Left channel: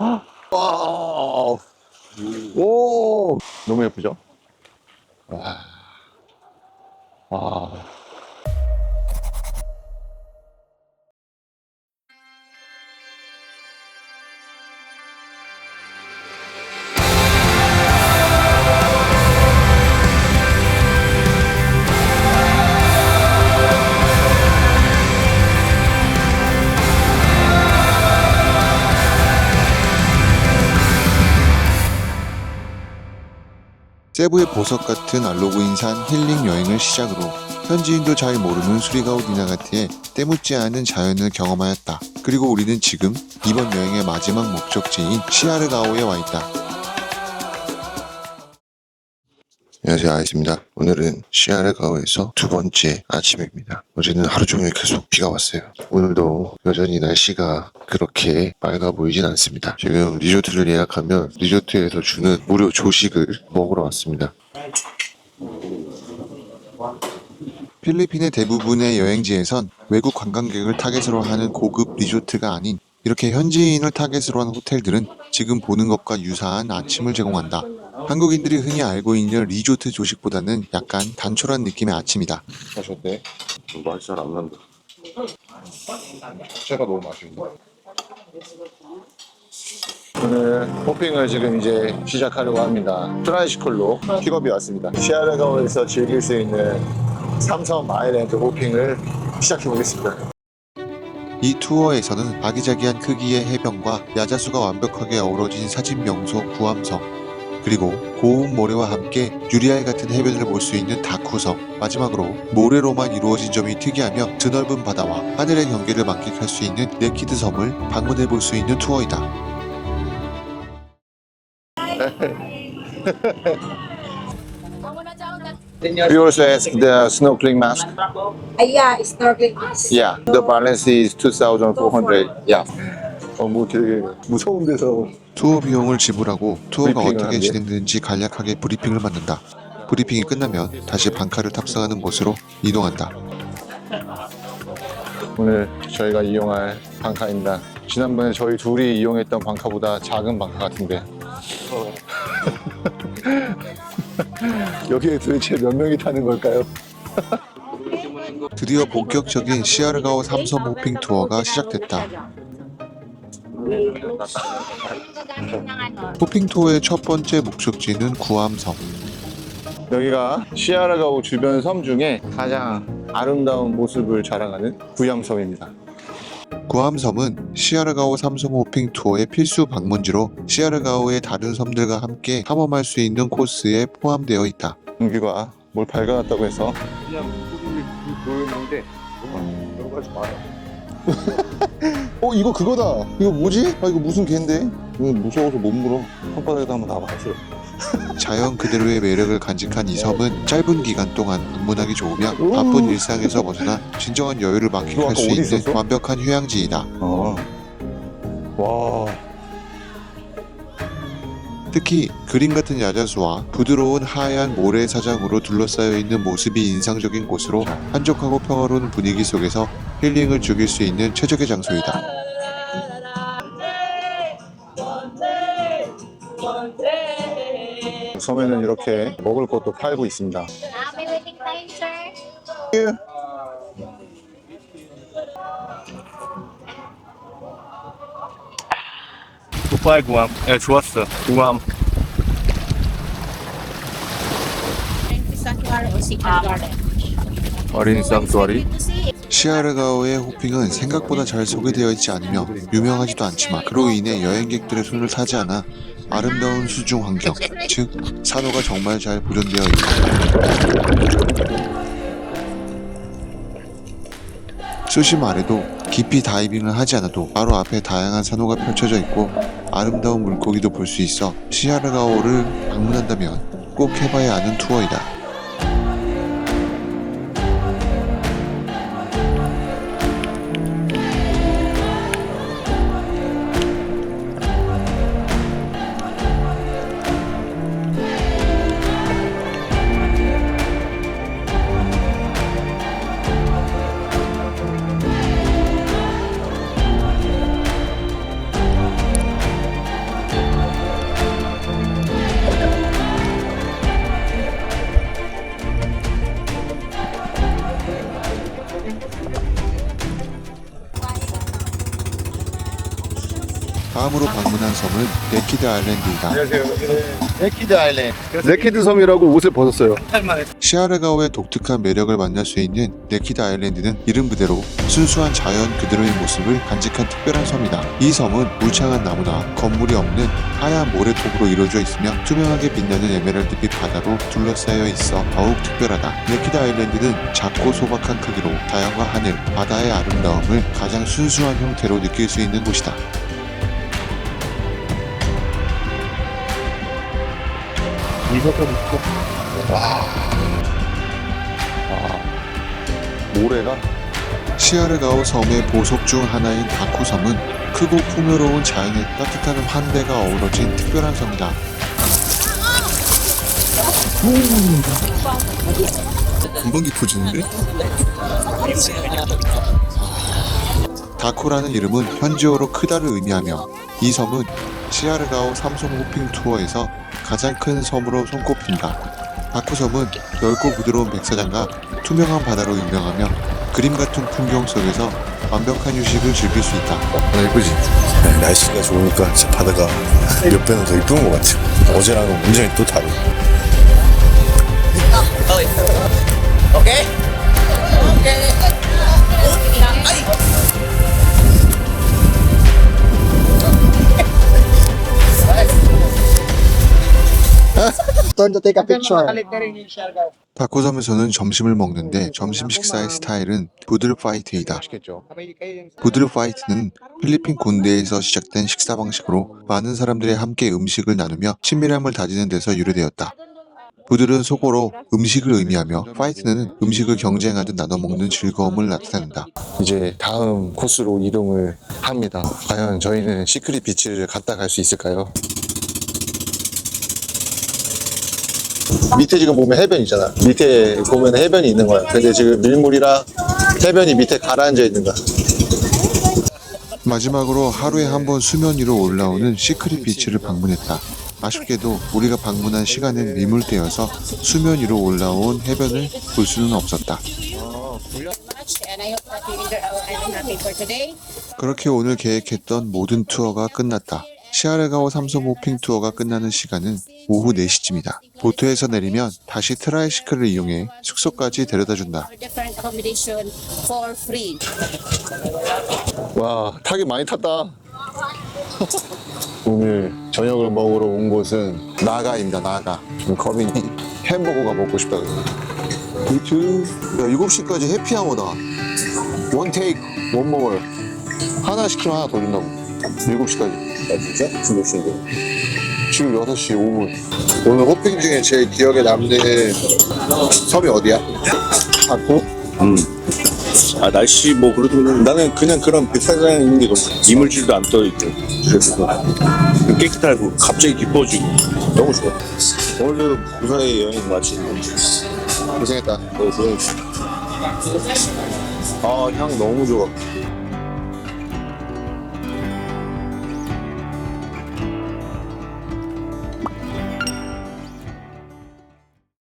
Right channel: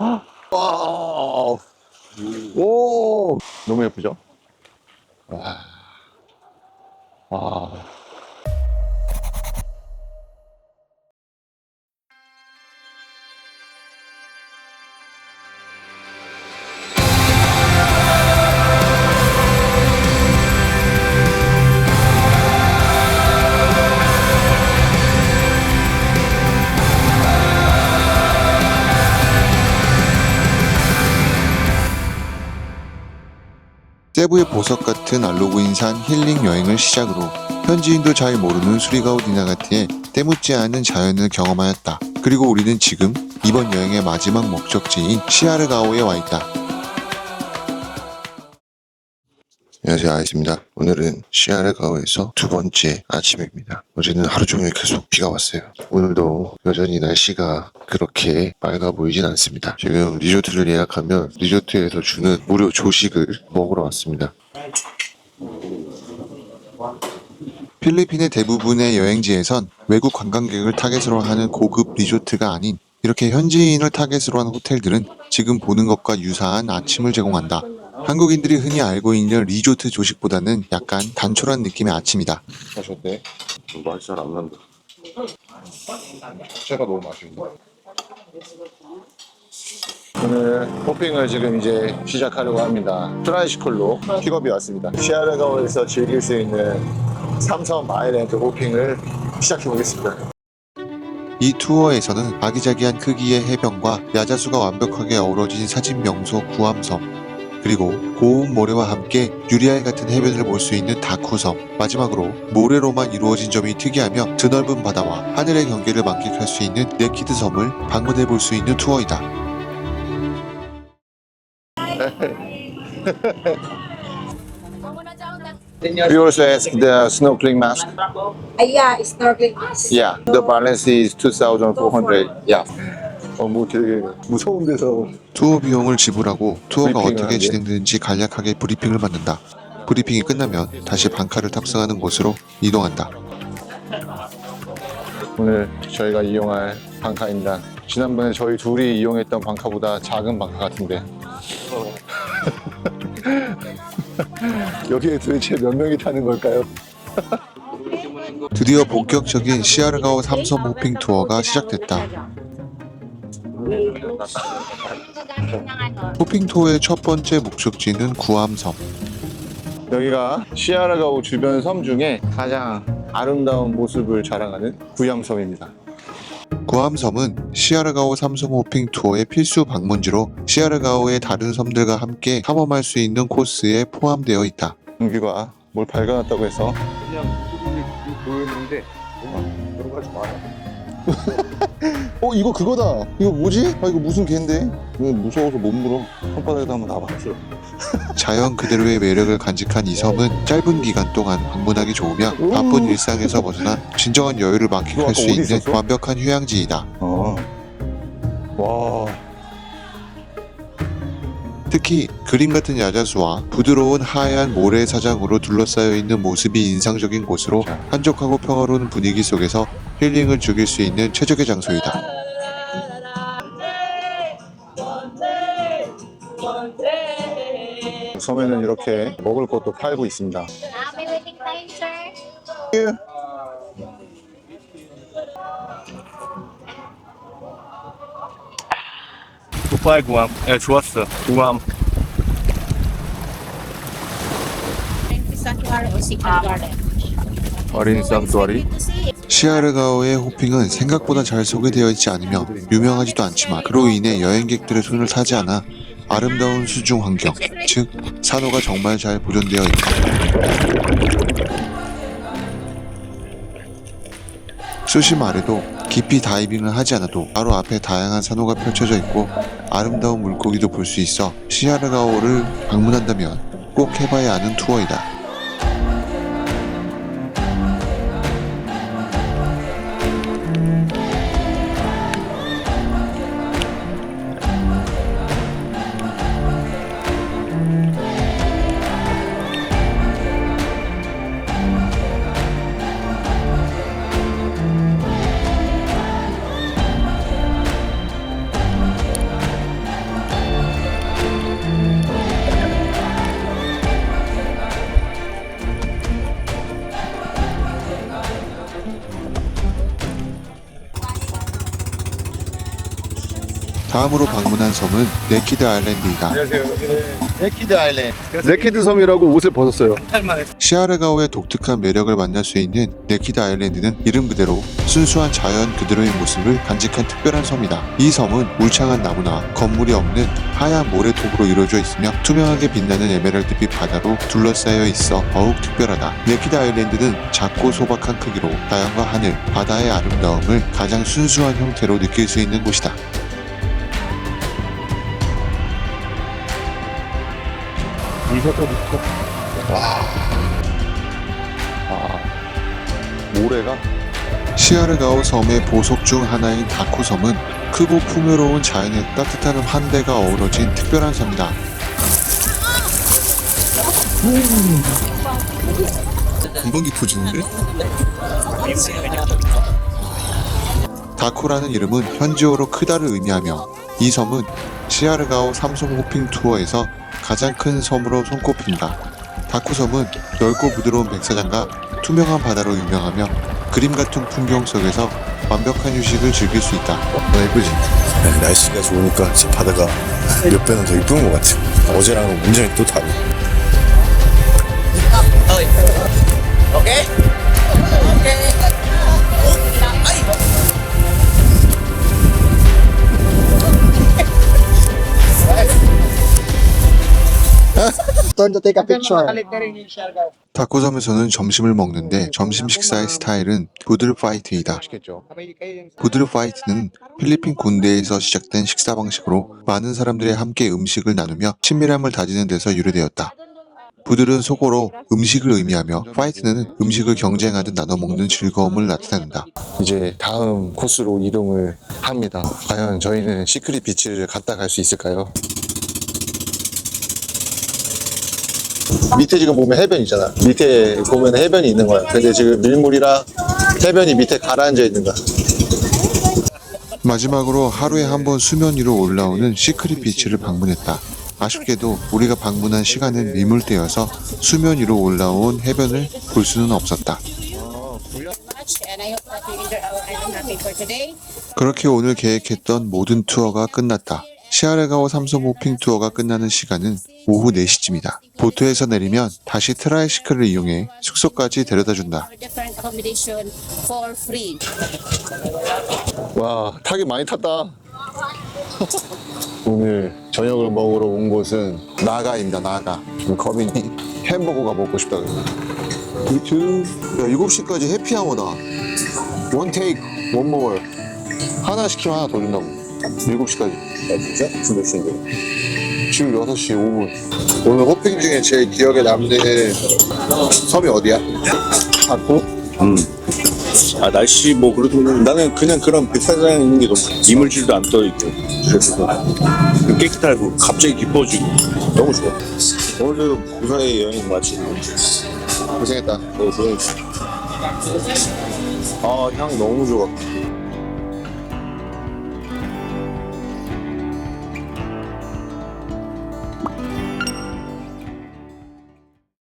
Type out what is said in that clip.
와우. 오, 너무 예쁘죠? 세부의 보석 같은 알로그인산 힐링 여행을 시작으로 현지인도 잘 모르는 수리가오 니나가티에 때묻지 않은 자연을 경험하였다. 그리고 우리는 지금 이번 여행의 마지막 목적지인 시아르가오에 와 있다. 안녕하세요 아이스입니다. 오늘은 시아르가오에서 두 번째 아침입니다. 어제는 하루 종일 계속 비가 왔어요. 오늘도 여전히 날씨가 그렇게 맑아 보이진 않습니다. 지금 리조트를 예약하면 리조트에서 주는 무료 조식을 먹으러 왔습니다. 필리핀의 대부분의 여행지에선 외국 관광객을 타겟으로 하는 고급 리조트가 아닌 이렇게 현지인을 타겟으로 한 호텔들은 지금 보는 것과 유사한 아침을 제공한다. 한국인들이 흔히 알고 있는 리조트 조식보다는 약간 단촐한 느낌의 아침이다. 마셨대? 맛이 잘 안 난다. 자체가 너무 맛있는데. 오늘 호핑을 지금 이제 시작하려고 합니다. 트라이시클로 픽업이 왔습니다. 시아르가오에서 즐길 수 있는 삼성 아일랜드 호핑을 시작해 보겠습니다. 이 투어에서는 아기자기한 크기의 해변과 야자수가 완벽하게 어우러진 사진 명소 구암섬, 그리고 고운 모래와 함께 유리알 같은 해변을 볼 수 있는 다쿠섬, 마지막으로 모래로만 이루어진 점이 특이하며 드넓은 바다와 하늘의 경계를 만끽할 수 있는 네키드 섬을 방문해 볼 수 있는 투어이다. We also ask the snorkeling mask. Uh, yeah, snorkeling mask. Yeah, the balance is 2,400. Yeah. 어, 뭐 되게 무서운 데서 투어 비용을 지불하고 투어가 브리핑을 어떻게 하는데? 진행되는지 간략하게 브리핑을 받는다. 브리핑이 끝나면 다시 방카를 탑승하는 곳으로 이동한다. 오늘 저희가 이용할 방카입니다. 지난번에 저희 둘이 이용했던 방카보다 작은 방카 같은데. 여기에 도대체 몇 명이 타는 걸까요? 드디어 본격적인 시아르가오 삼섬 호핑 투어가 시작됐다. 호핑 투어의 첫 번째 목적지는 구암섬. 여기가 시아라가오 주변 섬 중에 가장 아름다운 모습을 자랑하는 구암섬입니다. 구암섬은 시아르가오 삼섬 호핑 투어의 필수 방문지로 시아르가오의 다른 섬들과 함께 탐험할 수 있는 코스에 포함되어 있다. 은규가 뭘 발견했다고 해서 그냥 소리를 보였는데 너무 들어가지 마요. 어 이거 그거다 이거 뭐지? 아 이거 무슨 개인데? 이거 무서워서 못 물어 손바닥에다 한번 놔봐 자연 그대로의 매력을 간직한 이 섬은 짧은 기간 동안 방문하기 좋으며 오. 바쁜 일상에서 벗어나 진정한 여유를 너 만끽할 아까 수 어디 있는 있었어? 완벽한 휴양지이다. 어. 와 특히 그림 같은 야자수와 부드러운 하얀 모래 사장으로 둘러싸여 있는 모습이 인상적인 곳으로 자. 한적하고 평화로운 분위기 속에서 힐링을 즐길 수 있는 최적의 장소이다. 섬에는 이렇게 먹을 것도 팔고 있습니다 sir. 오빠의 구암. 예, 좋았어. 구암. 어린 쌍두아리 시아르가오의 호핑은 생각보다 잘 소개되어 있지 않으며 유명하지도 않지만 그로 인해 여행객들의 손을 타지 않아 아름다운 수중 환경, 즉 산호가 정말 잘 보존되어 있다. 수심 아래도 깊이 다이빙을 하지 않아도 바로 앞에 다양한 산호가 펼쳐져 있고 아름다운 물고기도 볼 수 있어 시아르가오를 방문한다면 꼭 해봐야 하는 투어이다. 다음으로 방문한 섬은 네키드 아일랜드입니다. 안녕하세요. 네키드 아일랜드. 네키드 섬이라고 옷을 벗었어요. 시아르가오의 독특한 매력을 만날 수 있는 네키드 아일랜드는 이름 그대로 순수한 자연 그대로의 모습을 간직한 특별한 섬이다. 이 섬은 울창한 나무나 건물이 없는 하얀 모래톱으로 이루어져 있으며 투명하게 빛나는 에메랄드빛 바다로 둘러싸여 있어 더욱 특별하다. 네키드 아일랜드는 작고 소박한 크기로 자연과 하늘, 바다의 아름다움을 가장 순수한 형태로 느낄 수 있는 곳이다. 아, 모래가 시아르가오 섬의 보석 중 하나인 다코 섬은 크고 풍요로운 자연의 따뜻한 환대가 어우러진 특별한 섬이다. 이번기 포즈인데? 다코라는 이름은 현지어로 크다를 의미하며 이 섬은 시아르가오 삼성 호핑 투어에서 가장 큰 섬으로 손꼽힌다. 다코 섬은 넓고 부드러운 백사장과 투명한 바다로 유명하며 그림 같은 풍경 속에서 완벽한 휴식을 즐길 수 있다. 나 예쁘지? 네, 날씨가 좋으니까 진짜 바다가 몇 배는 더 이쁜 것 같아요. 어제랑은 완전히 또 다르고. Turn to take a picture. 다코 섬에서는 점심을 먹는데 점심 식사의 스타일은 부들 파이트이다. 부드르 파이트는 필리핀 군대에서 시작된 식사 방식으로 많은 사람들이 함께 음식을 나누며 친밀함을 다지는 데서 유래되었다. 부들은 속어로 음식을 의미하며 파이트는 음식을 경쟁하듯 나눠 먹는 즐거움을 나타낸다. 이제 다음 코스로 이동을 합니다. 과연 저희는 시크릿 비치를 갔다 갈 수 있을까요? 밑에 지금 보면 해변 있잖아. 밑에 보면 해변이 있는 거야. 근데 지금 밀물이랑 해변이 밑에 가라앉아 있는 거야. 마지막으로 하루에 한 번 수면 위로 올라오는 시크릿 비치를 방문했다. 아쉽게도 우리가 방문한 시간은 미물되어서 수면 위로 올라온 해변을 볼 수는 없었다. 그렇게 오늘 계획했던 모든 투어가 끝났다. 시아르가오 삼성 호핑 투어가 끝나는 시간은 오후 4시쯤이다. 보트에서 내리면 다시 트라이시클을 이용해 숙소까지 데려다 준다. Our different accommodation for free. 와, 타기 많이 탔다. 오늘 저녁을 먹으러 온 곳은 나가입니다, 나가. 지금 거빈이 햄버거가 먹고 싶다 그래. 야, 7시까지 해피아워다. 원 테이크, 원 모어. 하나 시키면 하나 더 준다고. 7시까지. 아, 진짜? 지금 몇 시인데? 지금 6시 5분. 오늘 호핑 중에 제일 기억에 남는 섬이 어디야? 다코? 아, 날씨 뭐 그래도 나는 그냥 그런 백사장에 있는 게 너무. 이물질도 안 떠있고. 그래서 깨끗하고 갑자기 기뻐지고. 너무 좋아. 오늘도 무사히 여행 마치고. 고생했다. 너무 고생했어. 아, 향 너무 좋아.